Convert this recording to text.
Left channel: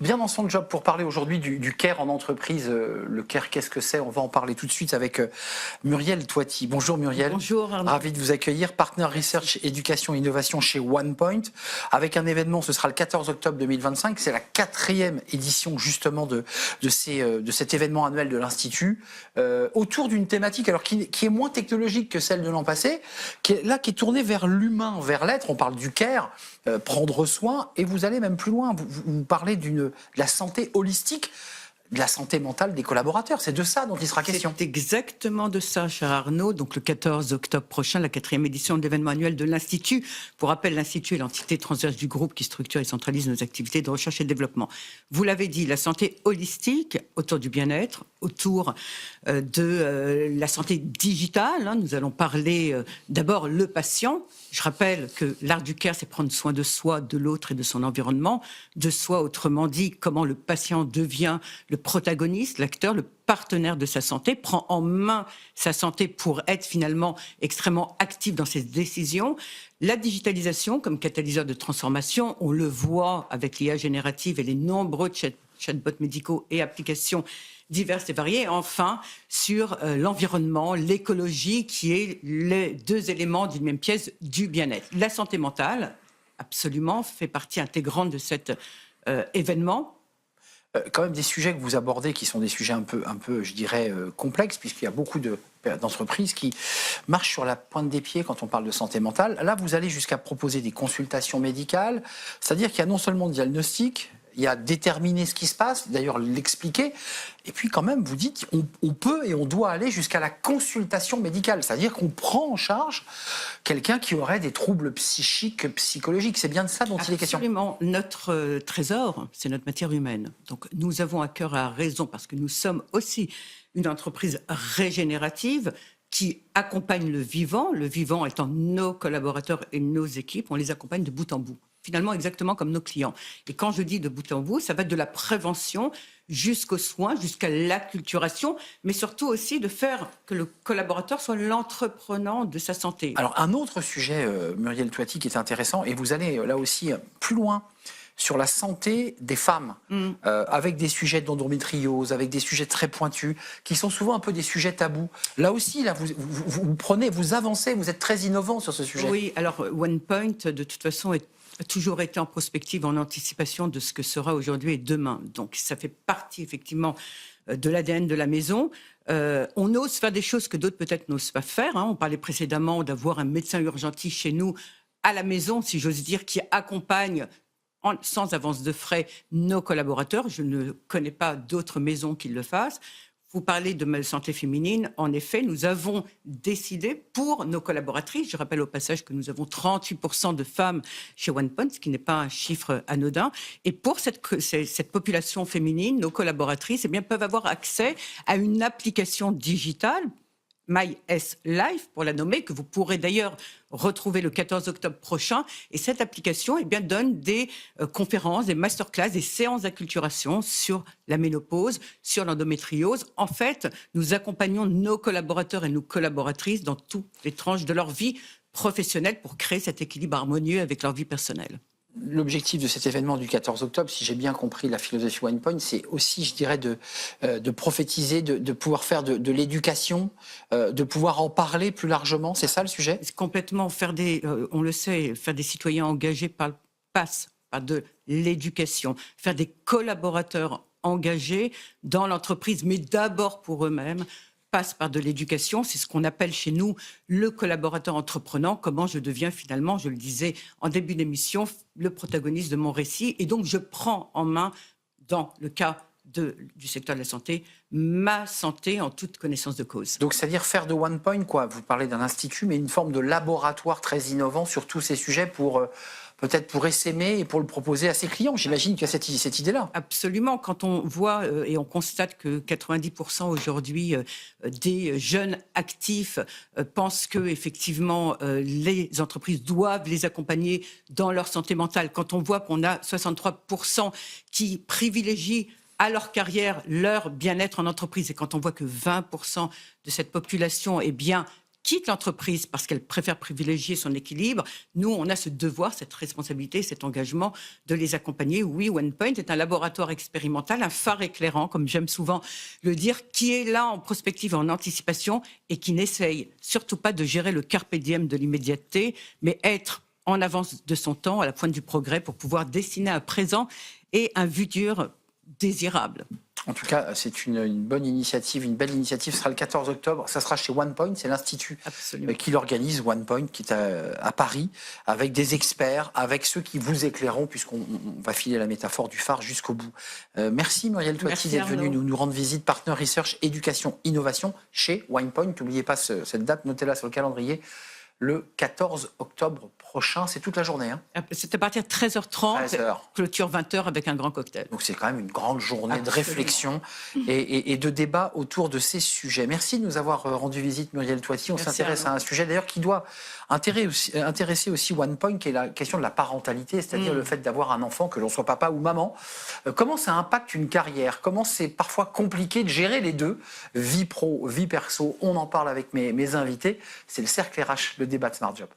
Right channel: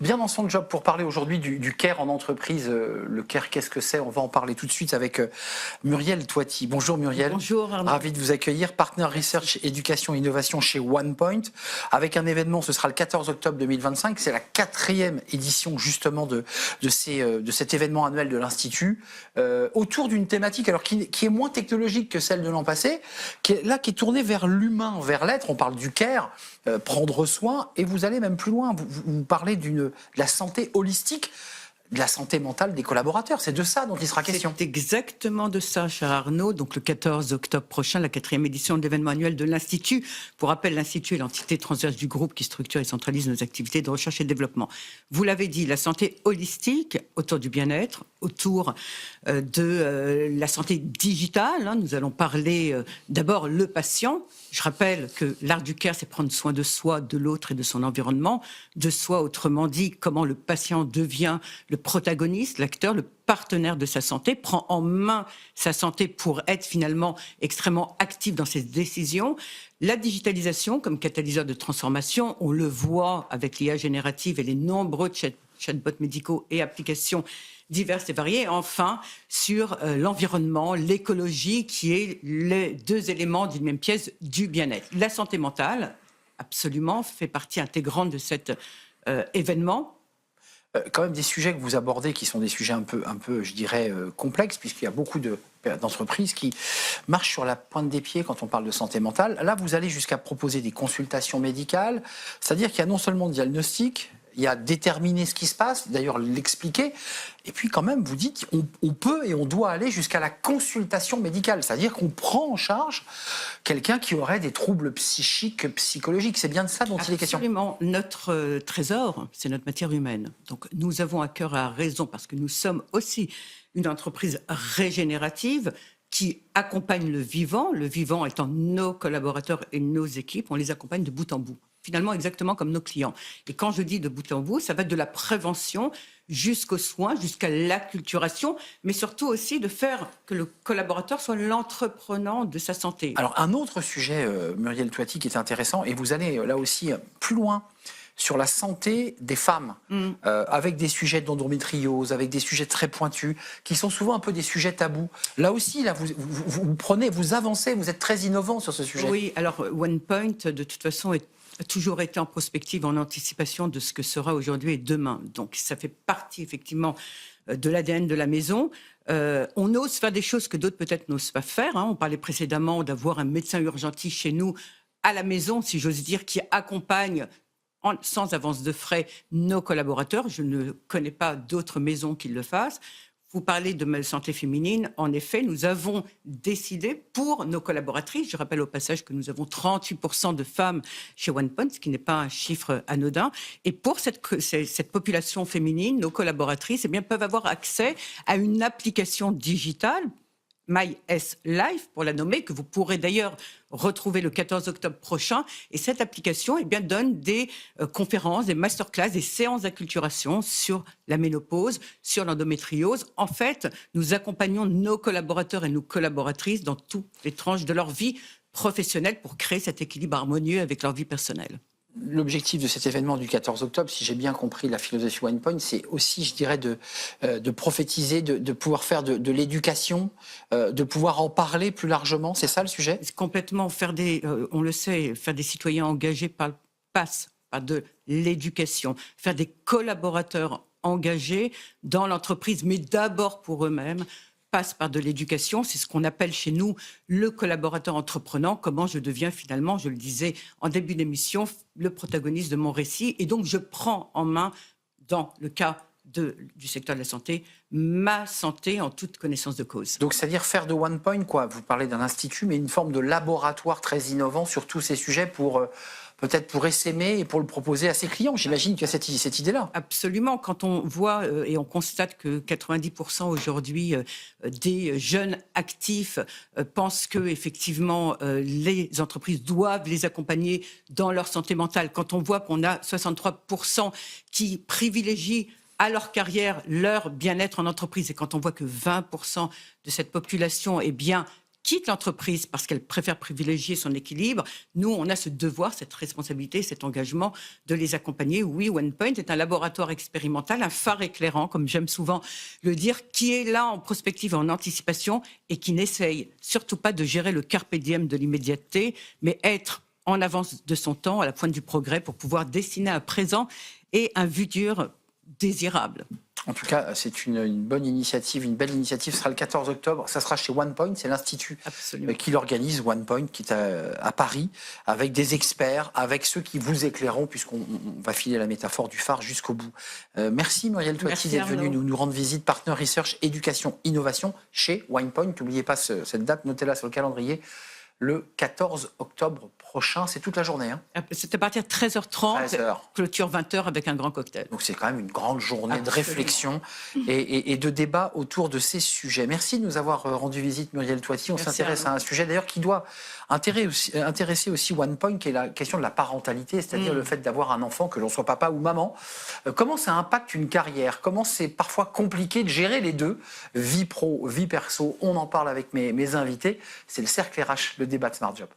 bien dans son job pour parler aujourd'hui du care en entreprise. Le care, qu'est-ce que c'est? On va en parler tout de suite avec Muriel Toiti. Bonjour Muriel. Bonjour Arnaud. Ravi de vous accueillir. Partner Research Éducation Innovation chez OnePoint. Avec un événement, ce sera le 14 octobre 2025. C'est la 4e édition justement de cet événement annuel de l'Institut. Autour d'une thématique alors qui est moins technologique que celle de l'an passé, qui est tournée vers l'humain, vers l'être. On parle du care, prendre soin, et vous allez même plus loin. Vous parlez de la santé holistique, de la santé mentale des collaborateurs. C'est de ça dont il sera question. C'est exactement de ça, cher Arnaud. Donc le 14 octobre prochain, la 4e édition de l'événement annuel de l'Institut. Pour rappel, l'Institut est l'entité transverse du groupe qui structure et centralise nos activités de recherche et de développement. Vous l'avez dit, la santé holistique autour du bien-être, autour de la santé digitale. Nous allons parler d'abord le patient. Je rappelle que l'art du care, c'est prendre soin de soi, de l'autre et de son environnement. De soi, autrement dit, comment le patient devient le protagoniste, l'acteur, le partenaire de sa santé, prend en main sa santé pour être finalement extrêmement actif dans ses décisions. La digitalisation comme catalyseur de transformation, on le voit avec l'IA générative et les nombreux chatbots médicaux et applications diverses et variées. Enfin, sur l'environnement, l'écologie, qui est les deux éléments d'une même pièce du bien-être. La santé mentale, absolument, fait partie intégrante de cet événement. Quand même des sujets que vous abordez qui sont des sujets un peu je dirais, complexes, puisqu'il y a beaucoup d'entreprises qui marchent sur la pointe des pieds quand on parle de santé mentale. Là, vous allez jusqu'à proposer des consultations médicales, c'est-à-dire qu'il y a non seulement le diagnostic, il y a déterminer ce qui se passe, d'ailleurs l'expliquer, et puis quand même vous dites on peut et on doit aller jusqu'à la consultation médicale, c'est-à-dire qu'on prend en charge quelqu'un qui aurait des troubles psychiques, psychologiques. C'est bien de ça dont il est question. Absolument. Notre trésor, c'est notre matière humaine. Donc nous avons à cœur, à raison, parce que nous sommes aussi une entreprise régénérative qui accompagne le vivant étant nos collaborateurs et nos équipes, on les accompagne de bout en bout. Finalement, exactement comme nos clients. Et quand je dis de bout en bout, ça va de la prévention jusqu'aux soins, jusqu'à l'acculturation, mais surtout aussi de faire que le collaborateur soit l'entreprenant de sa santé. Alors, un autre sujet, Muriel Toiti, qui est intéressant, et vous allez là aussi plus loin, sur la santé des femmes, avec des sujets d'endométriose, avec des sujets très pointus, qui sont souvent un peu des sujets tabous. Là aussi, là, vous prenez, vous avancez, vous êtes très innovant sur ce sujet. Oui, alors OnePoint, de toute façon, a toujours été en prospective, en anticipation de ce que sera aujourd'hui et demain. Donc ça fait partie effectivement de l'ADN de la maison. On ose faire des choses que d'autres peut-être n'osent pas faire. On parlait précédemment d'avoir un médecin urgentiste chez nous à la maison, si j'ose dire, qui accompagne sans avance de frais nos collaborateurs. Je ne connais pas d'autres maisons qui le fassent. Vous parlez de santé féminine. En effet, nous avons décidé pour nos collaboratrices, je rappelle au passage que nous avons 38% de femmes chez OnePoint, ce qui n'est pas un chiffre anodin. Et pour cette population féminine, nos collaboratrices peuvent avoir accès à une application digitale, MySLife pour la nommer, que vous pourrez d'ailleurs retrouver le 14 octobre prochain. Et cette application donne des conférences, des masterclass, des séances d'acculturation sur la ménopause, sur l'endométriose. En fait, nous accompagnons nos collaborateurs et nos collaboratrices dans toutes les tranches de leur vie professionnelle pour créer cet équilibre harmonieux avec leur vie personnelle. L'objectif de cet événement du 14 octobre, si j'ai bien compris la philosophie OnePoint, c'est aussi, je dirais, de prophétiser, de pouvoir faire de l'éducation, de pouvoir en parler plus largement. C'est ça le sujet ? Complètement. On le sait, faire des citoyens engagés passe par de l'éducation. Faire des collaborateurs engagés dans l'entreprise, mais d'abord pour eux-mêmes, passe par de l'éducation. C'est ce qu'on appelle chez nous le collaborateur entreprenant. Comment je deviens finalement, je le disais en début d'émission, le protagoniste de mon récit. Et donc, je prends en main, dans le cas du secteur de la santé, ma santé en toute connaissance de cause. Donc, c'est-à-dire faire de OnePoint, quoi. Vous parlez d'un institut, mais une forme de laboratoire très innovant sur tous ces sujets pour peut-être pour essaimer et pour le proposer à ses clients. J'imagine qu'il y a cette idée-là. Absolument. Quand on voit et on constate que 90% aujourd'hui des jeunes actifs pensent que effectivement les entreprises doivent les accompagner dans leur santé mentale, quand on voit qu'on a 63% qui privilégient à leur carrière leur bien-être en entreprise, et quand on voit que 20% de cette population quitte l'entreprise parce qu'elle préfère privilégier son équilibre, nous, on a ce devoir, cette responsabilité, cet engagement de les accompagner. Oui, OnePoint est un laboratoire expérimental, un phare éclairant, comme j'aime souvent le dire, qui est là en prospective, en anticipation et qui n'essaye surtout pas de gérer le carpe diem de l'immédiateté, mais être en avance de son temps, à la pointe du progrès, pour pouvoir dessiner un présent et un futur désirable. En tout cas, c'est une bonne initiative, une belle initiative. Ce sera le 14 octobre. Ça sera chez OnePoint, c'est l'institut Absolument. qui l'organise, OnePoint, qui est à Paris, avec des experts, avec ceux qui vous éclaireront, puisqu'on va filer la métaphore du phare jusqu'au bout. Merci Muriel Toiti d'être venue nous rendre visite, Partner Research, Éducation, Innovation chez OnePoint. N'oubliez pas cette date, notez-la sur le calendrier. Le 14 octobre prochain, c'est toute la journée. Hein. C'est à partir de 13h30, 13h. Clôture 20h avec un grand cocktail. Donc c'est quand même une grande journée Absolument. de réflexion et de débat autour de ces sujets. Merci de nous avoir rendu visite, Muriel Toiti. On s'intéresse à un sujet d'ailleurs qui doit intéresser aussi OnePoint, qui est la question de la parentalité, c'est-à-dire le fait d'avoir un enfant, que l'on soit papa ou maman. Comment ça impacte une carrière? Comment c'est parfois compliqué de gérer les deux, vie pro, vie perso? On en parle avec mes invités. C'est le cercle RH, le débat de Smart Job.